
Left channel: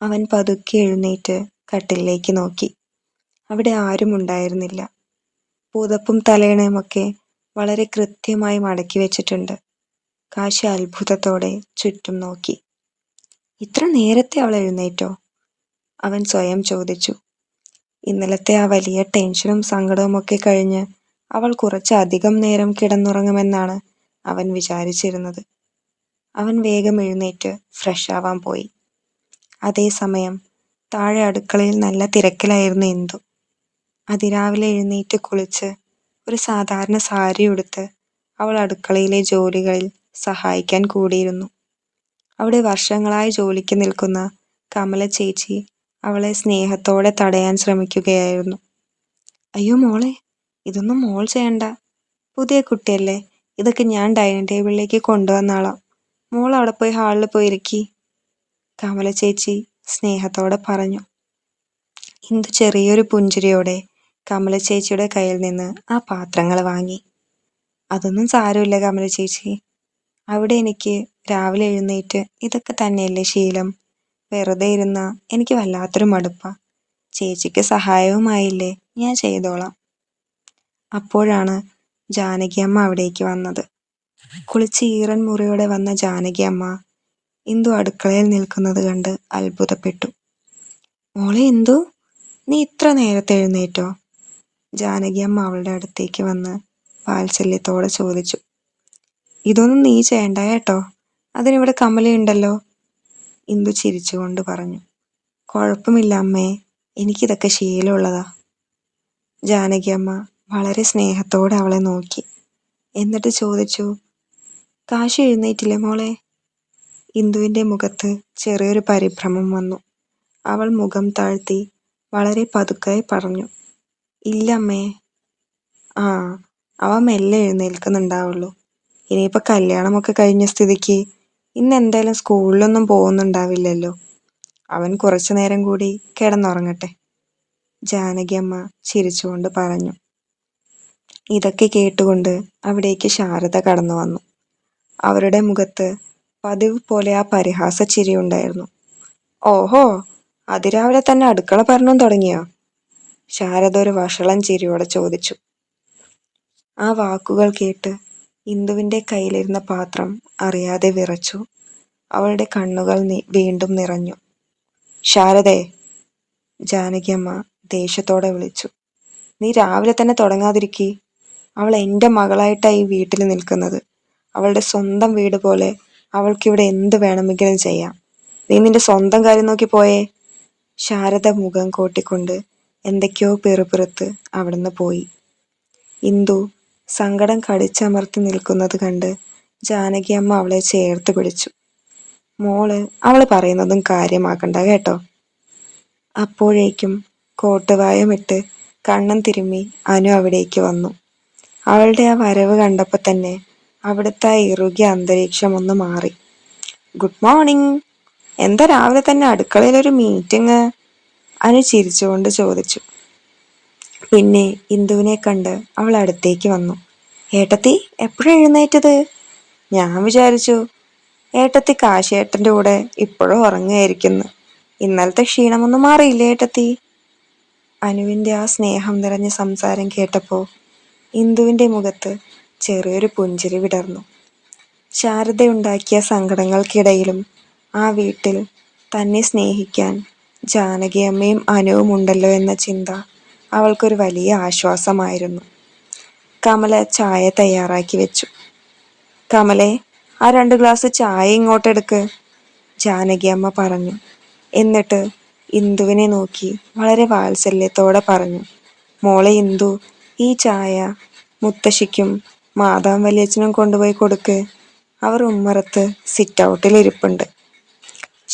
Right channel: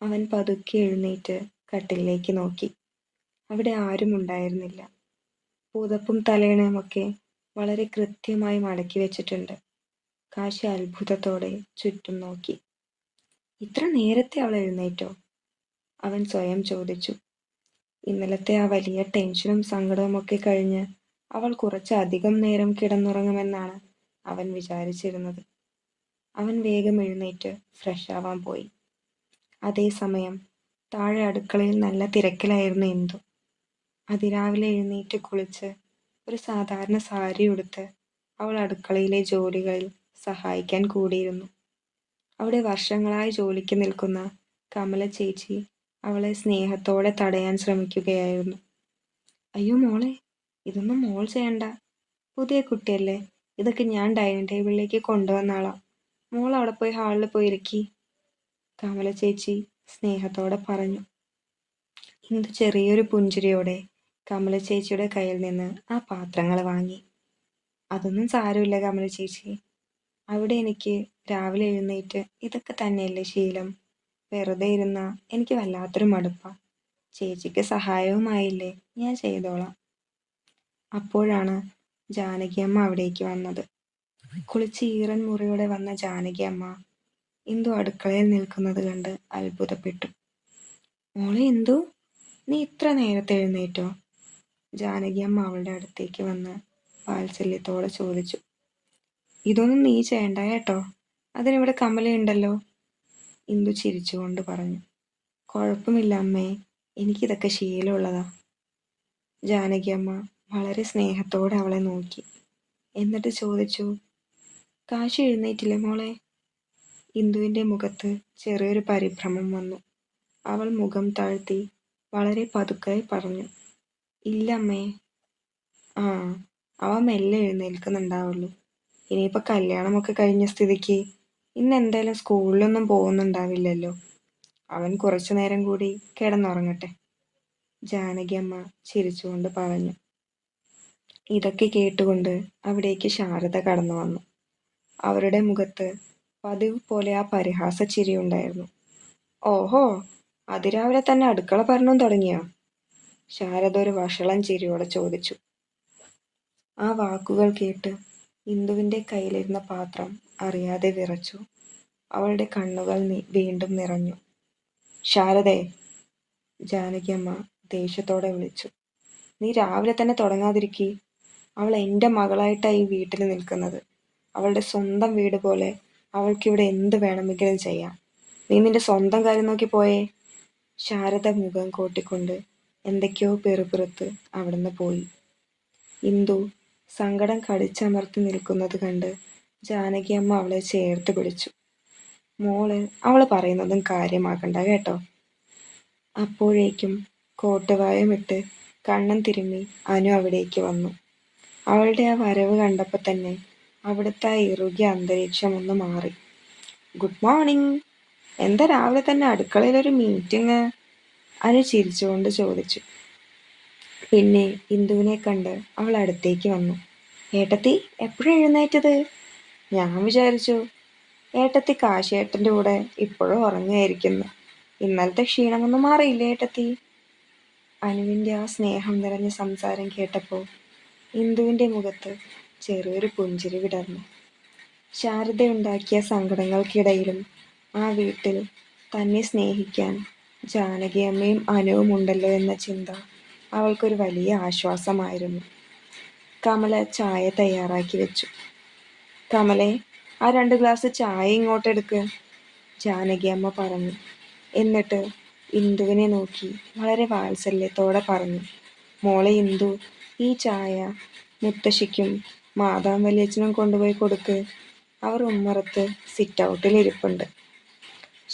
അവൻ പതുക്കെ എഴുന്നേറ്റ് കട്ടിലേക്ക് നോക്കി. അവിടെ ആരും ഉണ്ടായിരുന്നില്ല. പുതപ്പും തലയണയുമൊക്കെ വളരെ കൃത്യമായി മടക്കി വെച്ചിട്ടുണ്ട്. കാശി അത്ഭുതത്തോടെ ചുറ്റും നോക്കി. ഇത്ര നേരത്തെ അവൾ എഴുന്നേറ്റോ? അവൻ സ്വയം ചോദിച്ചു. ഇന്നലത്തെ ആ വലിയ ടെൻഷനും സങ്കടവും ഒക്കെ കഴിഞ്ഞ് അവൾ കുറച്ചധികം നേരം കിടന്നുറങ്ങുമെന്നാണ് അവൻ വിചാരിച്ചിരുന്നത്. അവൻ വേഗം എഴുന്നേറ്റ് ഫ്രഷ് ആവാൻ പോയി. അതേസമയം താഴെ അടുക്കളയിൽ നല്ല തിരക്കിലായിരുന്നു ഇന്ദു. അതിരാവിലെ എഴുന്നേറ്റ് കുളിച്ച് ഒരു സാധാരണ സാരി ഉടുത്ത് അവൾ അടുക്കളയിലെ ജോലികളിൽ സഹായിക്കാൻ കൂടിയിരുന്നു. അവിടെ വർഷങ്ങളായി ജോലിക്ക് നിൽക്കുന്ന കമല ചേച്ചി അവളെ സ്നേഹത്തോടെ തടയാൻ ശ്രമിക്കുകയായിരുന്നു. അയ്യോ മോളെ, ഇതൊന്നും മോൾ ചെയ്യണ്ട. പുതിയ കുട്ടിയല്ലേ, ഇതൊക്കെ ഞാൻ ഡൈനിങ് ടേബിളിലേക്ക് കൊണ്ടുവന്നാളാം. മോൾ അവിടെ പോയി ഹാളിൽ പോയിരിക്കി, കമല ചേച്ചി സ്നേഹത്തോടെ പറഞ്ഞു. ഇന്ദു ചെറിയൊരു പുഞ്ചിരിയോടെ കമല ചേച്ചിയുടെ കയ്യിൽ നിന്ന് ആ പാത്രങ്ങൾ വാങ്ങി. അതൊന്നും സാരമില്ല കമല ചേച്ചി, അവിടെ എനിക്ക് രാവിലെ എഴുന്നേറ്റ് ഇതൊക്കെ തന്നെയല്ലേ ശീലം. വെറുതെ ഇരുന്ന എനിക്ക് വല്ലാത്തൊരു മടുപ്പാ. ചേച്ചിക്ക് സഹായവുമായില്ലേ, ഞാൻ ചെയ്തോളാം. അപ്പോഴാണ് ജാനകി അമ്മ അവിടേക്ക് വന്നത്. കുളിച്ച് ഈറൻ മുറിയോടെ വന്ന ജാനകി അമ്മ ഇന്ദു അടുക്കളയിൽ നിൽക്കുന്നത് കണ്ട് അത്ഭുതപ്പെട്ടു. മോളെ ഇന്ദു, നീ ഇത്ര നേരത്തെ എഴുന്നേറ്റോ? ജാനകി അമ്മ അവളുടെ അടുത്തേക്ക് വന്ന് വാത്സല്യത്തോടെ ചോദിച്ചു. ഇതൊന്നും നീ ചെയ്യണ്ട കേട്ടോ, അതിനിവിടെ കമലയുണ്ടല്ലോ, ഇന്ദു ചിരിച്ചുകൊണ്ട് പറഞ്ഞു. കുഴപ്പമില്ല അമ്മേ, എനിക്കിതൊക്കെ ശീലമുള്ളതാ. ജാനകി അമ്മ വളരെ സ്നേഹത്തോടെ അവളെ നോക്കി. എന്നിട്ട് ചോദിച്ചു, കാശി എഴുന്നേറ്റില്ലേ മോളെ? ഇന്ദുവിൻ്റെ മുഖത്ത് ചെറിയൊരു പരിഭ്രമം വന്നു. അവൾ മുഖം താഴ്ത്തി വളരെ പതുക്കെ പറഞ്ഞു, ഇല്ല അമ്മേ. ആ, അവ മെല്ലെ എഴുന്നേൽക്കുന്നുണ്ടാവുള്ളൂ. ഇനിയിപ്പോൾ കല്യാണമൊക്കെ കഴിഞ്ഞ സ്ഥിതിക്ക് ഇന്ന് എന്തായാലും സ്കൂളിലൊന്നും പോകുന്നുണ്ടാവില്ലല്ലോ. അവൻ കുറച്ചു നേരം കൂടി കിടന്നുറങ്ങട്ടെ, ജാനകി അമ്മ ചിരിച്ചുകൊണ്ട് പറഞ്ഞു. ഇതൊക്കെ കേട്ടുകൊണ്ട് അവിടേക്ക് ശാരദ കടന്നു വന്നു. അവരുടെ മുഖത്ത് പതിവ് പോലെ ആ പരിഹാസ ചിരി ഉണ്ടായിരുന്നു. ഓഹോ, അതിരാവിലെ തന്നെ അടുക്കള ഭരണം തുടങ്ങിയോ? ശാരദ ഒരു വഷളൻ ചിരിയോടെ ചോദിച്ചു. ആ വാക്കുകൾ കേട്ട് ഇന്ദുവിൻ്റെ കയ്യിലിരുന്ന പാത്രം അറിയാതെ വിറച്ചു. അവളുടെ കണ്ണുകൾ വീണ്ടും നിറഞ്ഞു. ശാരദേ, ജാനകിയമ്മ ദേഷ്യത്തോടെ വിളിച്ചു. നീ രാവിലെ തന്നെ തുടങ്ങാതിരിക്കി. അവൾ എൻ്റെ മകളായിട്ടാണ് ഈ വീട്ടിൽ നിൽക്കുന്നത്. അവളുടെ സ്വന്തം വീട് പോലെ അവൾക്കിവിടെ എന്ത് വേണമെങ്കിലും ചെയ്യാം. നീ നിന്റെ സ്വന്തം കാര്യം നോക്കി പോയേ. ശാരദ മുഖം കോട്ടിക്കൊണ്ട് എന്തൊക്കെയോ പെറുപിറുത്ത് അവിടുന്ന് പോയി. ഇന്ദു സങ്കടം കടിച്ചമർത്തി നിൽക്കുന്നത് കണ്ട് ജാനകിയമ്മ അവളെ ചേർത്ത് പിടിച്ചു. മോള് അവൾ പറയുന്നതും കാര്യമാക്കണ്ട കേട്ടോ. അപ്പോഴേക്കും കോട്ടുവായമിട്ട് കണ്ണും തിരുമ്മി അനു അവിടേക്ക് വന്നു. അവളുടെ ആ വരവ് കണ്ടപ്പോൾ തന്നെ അവിടുത്തെ ആ ഇറുകിയ അന്തരീക്ഷം ഒന്ന് മാറി. ഗുഡ് മോർണിംഗ്, എന്താ രാവിലെ തന്നെ അടുക്കളയിലൊരു മീറ്റിംഗ്? അനു ചിരിച്ചുകൊണ്ട് ചോദിച്ചു. പിന്നെ ഇന്ദുവിനെ കണ്ട് അവൾ അടുത്തേക്ക് വന്നു. ഏട്ടത്തി എപ്പോഴും എഴുന്നേറ്റത്? ഞാൻ വിചാരിച്ചു ഏട്ടത്തി കാശിയേട്ടൻ്റെ കൂടെ ഇപ്പോഴും ഉറങ്ങുകയായിരിക്കുന്നു. ഇന്നലത്തെ ക്ഷീണമൊന്നും മാറിയില്ലേ ഏട്ടത്തി? അനുവിൻ്റെ ആ സ്നേഹം നിറഞ്ഞ സംസാരം കേട്ടപ്പോൾ ഇന്ദുവിൻ്റെ മുഖത്ത് ചെറിയൊരു പുഞ്ചിരി വിടർന്നു. ശാരദയുണ്ടാക്കിയ സങ്കടങ്ങൾക്കിടയിലും ആ വീട്ടിൽ തന്നെ സ്നേഹിക്കാൻ ജാനകിയമ്മയും അനുവും ഉണ്ടല്ലോ എന്ന ചിന്ത അവൾക്കൊരു വലിയ ആശ്വാസമായിരുന്നു. കമല ചായ തയ്യാറാക്കി വെച്ചു. കമലേ, ആ 2 ഗ്ലാസ് ചായ ഇങ്ങോട്ടെടുക്ക്, ജാനകിയമ്മ പറഞ്ഞു. എന്നിട്ട് ഇന്ദുവിനെ നോക്കി വളരെ വാത്സല്യത്തോടെ പറഞ്ഞു, മോളെ ഇന്ദു, ഈ ചായ മുത്തശ്ശിക്കും മാതാം വലിയച്ഛനും കൊണ്ടുപോയി കൊടുക്ക്. അവർ ഉമ്മറത്ത് സിറ്റ് ഔട്ടിൽ ഇരിപ്പുണ്ട്.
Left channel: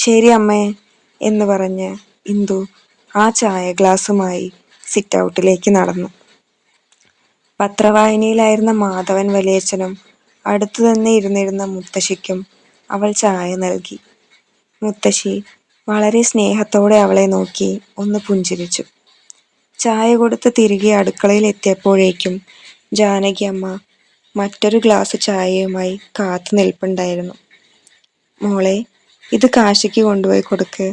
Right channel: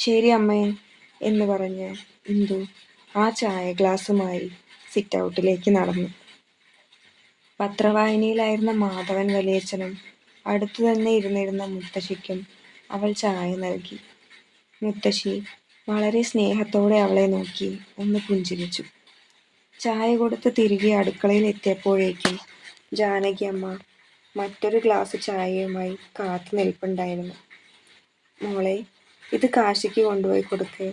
ശരി അമ്മേ എന്ന് പറഞ്ഞ് ഇന്ദു ആ ചായ ഗ്ലാസുമായി സിറ്റ് ഔട്ടിലേക്ക് നടന്നു. പത്രവായനയിലായിരുന്ന മാധവൻ വലിയച്ഛനും അടുത്തു തന്നെ ഇരുന്നിരുന്ന മുത്തശ്ശിക്കും അവൾ ചായ നൽകി. മുത്തശ്ശി വളരെ സ്നേഹത്തോടെ അവളെ നോക്കി ഒന്ന് പുഞ്ചിരിച്ചു. ചായ കൊടുത്ത് തിരികെ അടുക്കളയിൽ എത്തിയപ്പോഴേക്കും ജാനകിയമ്മ മറ്റൊരു ഗ്ലാസ് ചായയുമായി കാത്തു നിൽപ്പുണ്ടായിരുന്നു. മോളെ, ഇത് കാശിക്ക് കൊണ്ടുപോയി കൊടുക്ക്,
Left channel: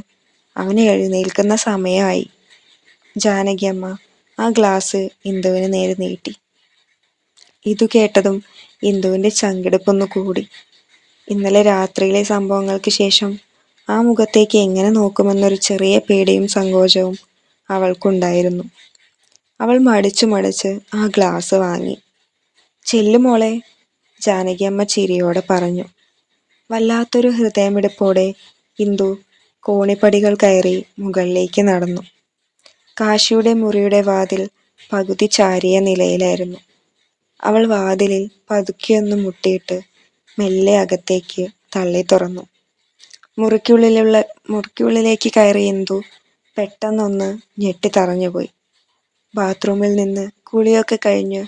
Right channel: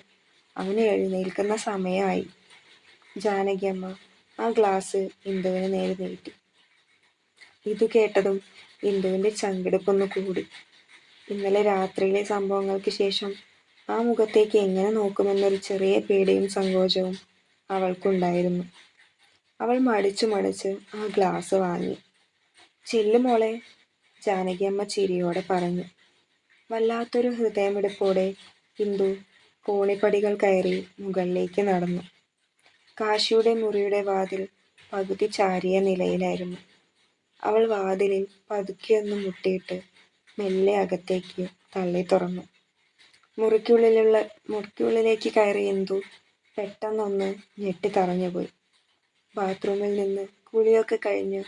അവന് എഴുന്നേൽക്കുന്ന സമയമായി. ജാനകിയമ്മ ആ ഗ്ലാസ് ഇന്ദുവിന് നേരെ നീട്ടി. ഇതു കേട്ടതും ഇന്ദുവിൻ്റെ ചങ്കിടിപ്പൊന്നു കൂടി. ഇന്നലെ രാത്രിയിലെ സംഭവങ്ങൾക്ക് ശേഷം ആ മുഖത്തേക്ക് എങ്ങനെ നോക്കുമെന്നൊരു ചെറിയ പേടിയും സങ്കോചവും അവൾക്കുണ്ടായിരുന്നു. അവൾ മടിച്ചു മടിച്ച് ആ ഗ്ലാസ് വാങ്ങി. ചെല്ലു മോളെ, ജാനകിയമ്മ ചിരിയോടെ പറഞ്ഞു. വല്ലാത്തൊരു ഹൃദയമിടിപ്പോടെ ഇന്ദു കോണിപ്പടികൾ കയറി മുകളിലേക്ക് നടന്നു. കാശിയുടെ മുറിയുടെ വാതിൽ പകുതി ചാരിയ നിലയിലായിരുന്നു. അവൾ വാതിലിൽ പതുക്കെയൊന്ന് മുട്ടിയിട്ട് മെല്ലെ അകത്തേക്ക് തള്ളി തുറന്നു. മുറിക്കുള്ളിലേക്ക് കയറിയ ഇന്ദു പെട്ടെന്നൊന്ന് ഞെട്ടിത്തറഞ്ഞുപോയി. ബാത്റൂമിൽ നിന്ന് കുളിയൊക്കെ കഴിഞ്ഞ്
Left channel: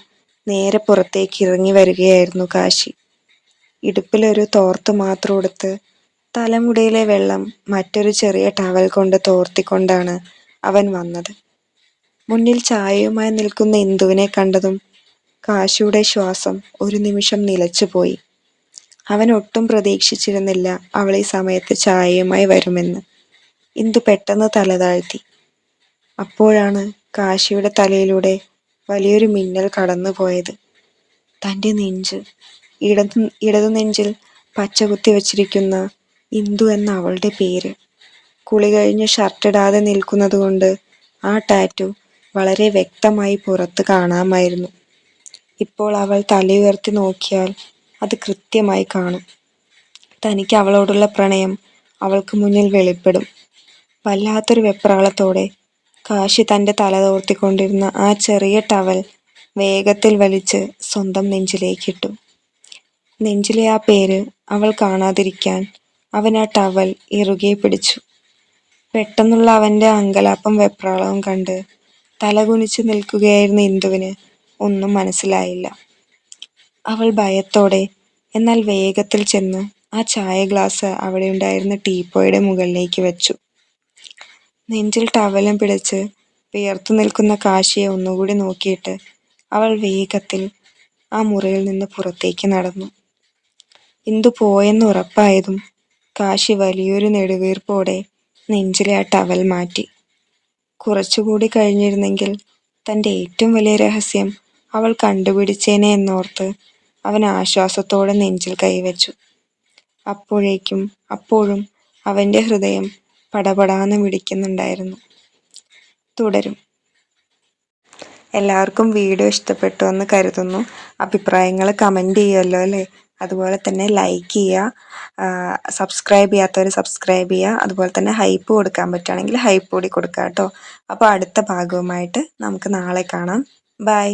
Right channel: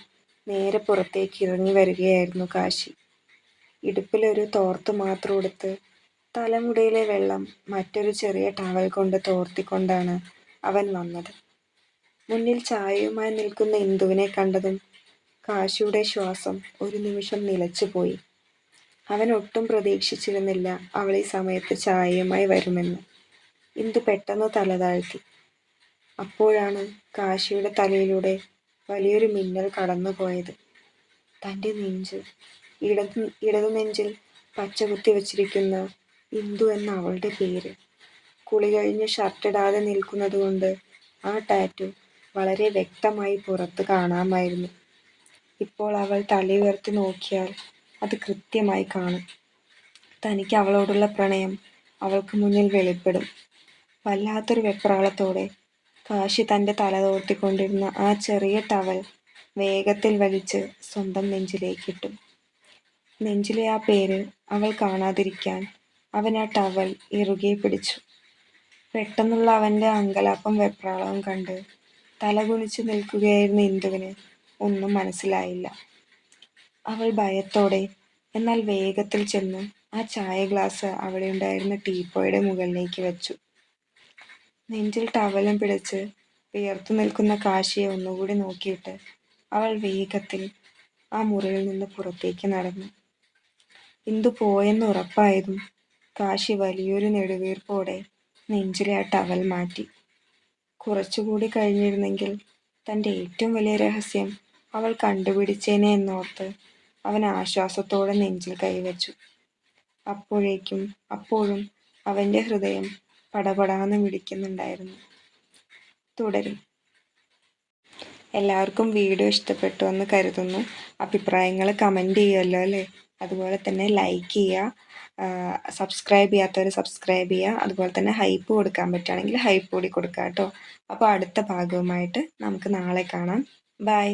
നേരെ പുറത്തേക്ക് ഇറങ്ങി വരികയായിരുന്നു കാശി. ഇടുപ്പിലൊരു തോർത്ത് മാത്രം ഉടുത്ത് തലമുടിയിലെ വെള്ളം മറ്റൊരു ചെറിയ ടവൽ കൊണ്ട് തോർത്തിക്കൊണ്ടാണ് അവൻ വന്നത്. മുന്നിൽ ചായയുമായി നിൽക്കുന്ന ഇന്ദുവിനെ കണ്ടതും കാശിയുടെ ശ്വാസം ഒരു നിമിഷം നിലച്ചുപോയി. അവൻ ഒട്ടും പ്രതീക്ഷിച്ചിരുന്നില്ല അവൾ ഈ സമയത്ത് ചായയുമായി വരുമെന്ന്. ഇന്ദു പെട്ടെന്ന് തല താഴ്ത്തി. അപ്പോഴാണ് കാശിയുടെ തലയിലൂടെ വലിയൊരു മിന്നൽ കടന്നുപോയത്. തൻ്റെ നെഞ്ച്, ഇടതു നെഞ്ചിൽ പച്ച കുത്തി വച്ചിരിക്കുന്ന ഇന്ദു എന്ന അവളുടെ പേര്. കുളി കഴിഞ്ഞ് ഷർട്ടിടാതെ നിൽക്കുന്നത് കൊണ്ട് ആ ടാറ്റു വളരെ വ്യക്തമായി പുറത്ത് കാണാമായിരുന്നു. ഇപ്പോൾ അവൾ തലയുയർത്തി നോക്കിയാൽ അത് കൃത്യമായി കാണും. തനിക്ക് അവളോടുള്ള പ്രണയം അവൾക്ക് മുന്നിൽ വെളിപ്പെടും. വല്ലാത്തൊരു വെപ്രാളത്തോടെ കാശി തൻ്റെ തല തോർത്തിക്കൊണ്ടിരുന്ന ആ ചെറിയ ടവൽ വേഗത്തിൽ വലിച്ച് സ്വന്തം നെഞ്ചിലേക്കിട്ടു. നെഞ്ചിലെ ആ പേര് അവൾ കാണാതിരിക്കാൻ അവൻ ആ ടവൽ ഇറുകെ പിടിച്ചു. പെട്ടെന്നുള്ള അവൻ്റെ അങ്കലാപ്പും വെപ്രാളവും കണ്ട് തലകുനിച്ച് നിൽക്കുകയായിരുന്ന ഇന്ദുവിന് ഒന്നും മനസ്സിലായില്ല. അവൾ ഭയത്തോടെ എന്നാൽ വേഗത്തിൽ ചെന്ന് ആ ചായ ഗ്ലാസ് അവിടെ ഉണ്ടായിരുന്ന ടീപ്പോയുടെ മുകളിലേക്ക് വെച്ചു. നെഞ്ചിൽ ടവലും പിടിച്ച് വിയർത്തു നിൽക്കുന്ന കാശിയെ ഒന്നുകൂടി നോക്കിയിട്ട് അവൾ വേഗത്തിൽ ആ മുറിയിൽ നിന്ന് പുറത്തേക്ക് നടന്നു. ഇന്ദു പോയെന്ന് ഉറപ്പായതും കാശി വലിയൊരു നെടുവീർപ്പോടെ നെഞ്ചിലെ ആ ടവൽ മാറ്റി. കുറച്ചുകൂടി കഴിഞ്ഞിരുന്നെങ്കിൽ തൻ്റെ ഏറ്റവും വലിയ രഹസ്യം അവൾ കണ്ടുപിടിച്ചേനെ എന്നോർത്ത് അവൻ ആശ്വാസത്തോടെ നെഞ്ചിൽ കൈവച്ചു. അപ്പോഴും അവൻ്റെ ഹൃദയം പടപടാന്ന് മിടിക്കുന്നുണ്ടായിരുന്നു. തുടരും. എല്ലാവർക്കും വീഡിയോ ഇഷ്ടപ്പെട്ടു എന്ന് കരുതുന്നു. അഭിപ്രായങ്ങൾ കമൻറ്റ് ചെയ്യുമല്ലോ അല്ലേ? അതുപോലെ തന്നെ ലൈക്ക് ചെയ്യുക, സബ്സ്ക്രൈബ് ചെയ്യാത്തവർ സബ്സ്ക്രൈബ് ചെയ്യുക. അതുപോലെ തന്നെ ഹൈപ്പ് കൊടുക്കാൻ പറ്റുകയാണെങ്കിൽ ഹൈപ്പ് കൂടി കൊടുക്കുക കേട്ടോ. അപ്പോൾ അടുത്ത ഭാഗവുമായിട്ട് നമുക്ക് നാളെ കാണാം. ബൈ.